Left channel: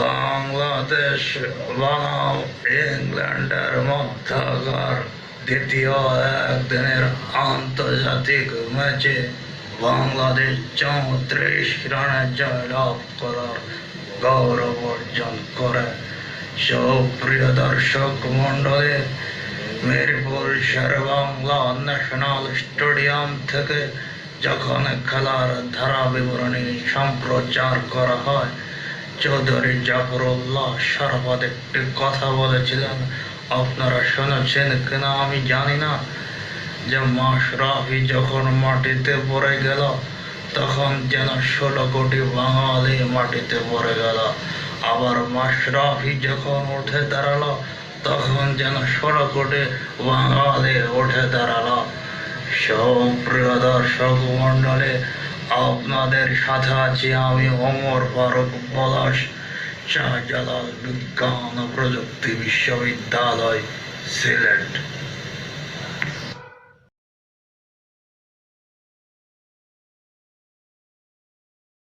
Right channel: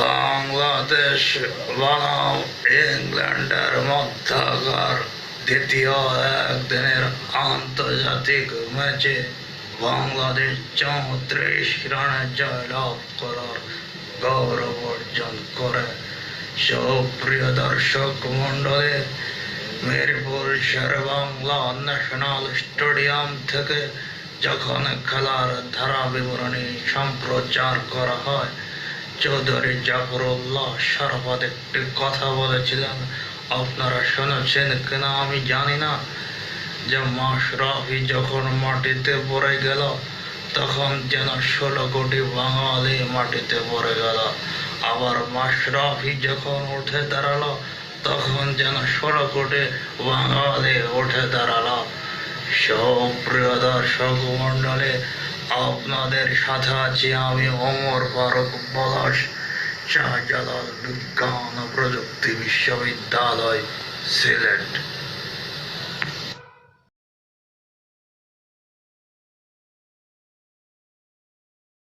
বাংলাদেশ বনাম ইংল্যান্ডের মধ্যকার দ্বিতীয় একদিনের আন্তর্জাতিক ম্যাচে বাংলাদেশ চৌত্রিশ রানে জয়লাভ করার গৌরব অর্জন করে। সুপ্রিয় দর্শক মণ্ডলী, মিরপুর শের বাংলা ন্যাশনাল স্টেডিয়াম থেকে যখন খেলার ধারা বিবরণী সম্প্রচার করা হয় চৌধুরী জাফরুল্লাহ সরফত একটি কথা বলেছিলেন, আপনারা শুনেছেন কিনা আমি জানি না। যে মাশরাফি যখন মাটিতে পড়ে গেল, তখন যেন ষোলো কোটি বাঙালি মাটিতে পড়ে গেল। আবার মাশরাফি যখন উঠে দাঁড়াল, তখন যেন ষোলো কোটি বাঙালি উঠে দাঁড়াল। সুপ্রিয় দর্শক মন্ডলে আপনাদের সাথে আছি আমি অমর ফারুক পলাশ শাহজালাল বিজ্ঞান ও প্রযুক্তি বিশ্ববিদ্যালয় সিলেট।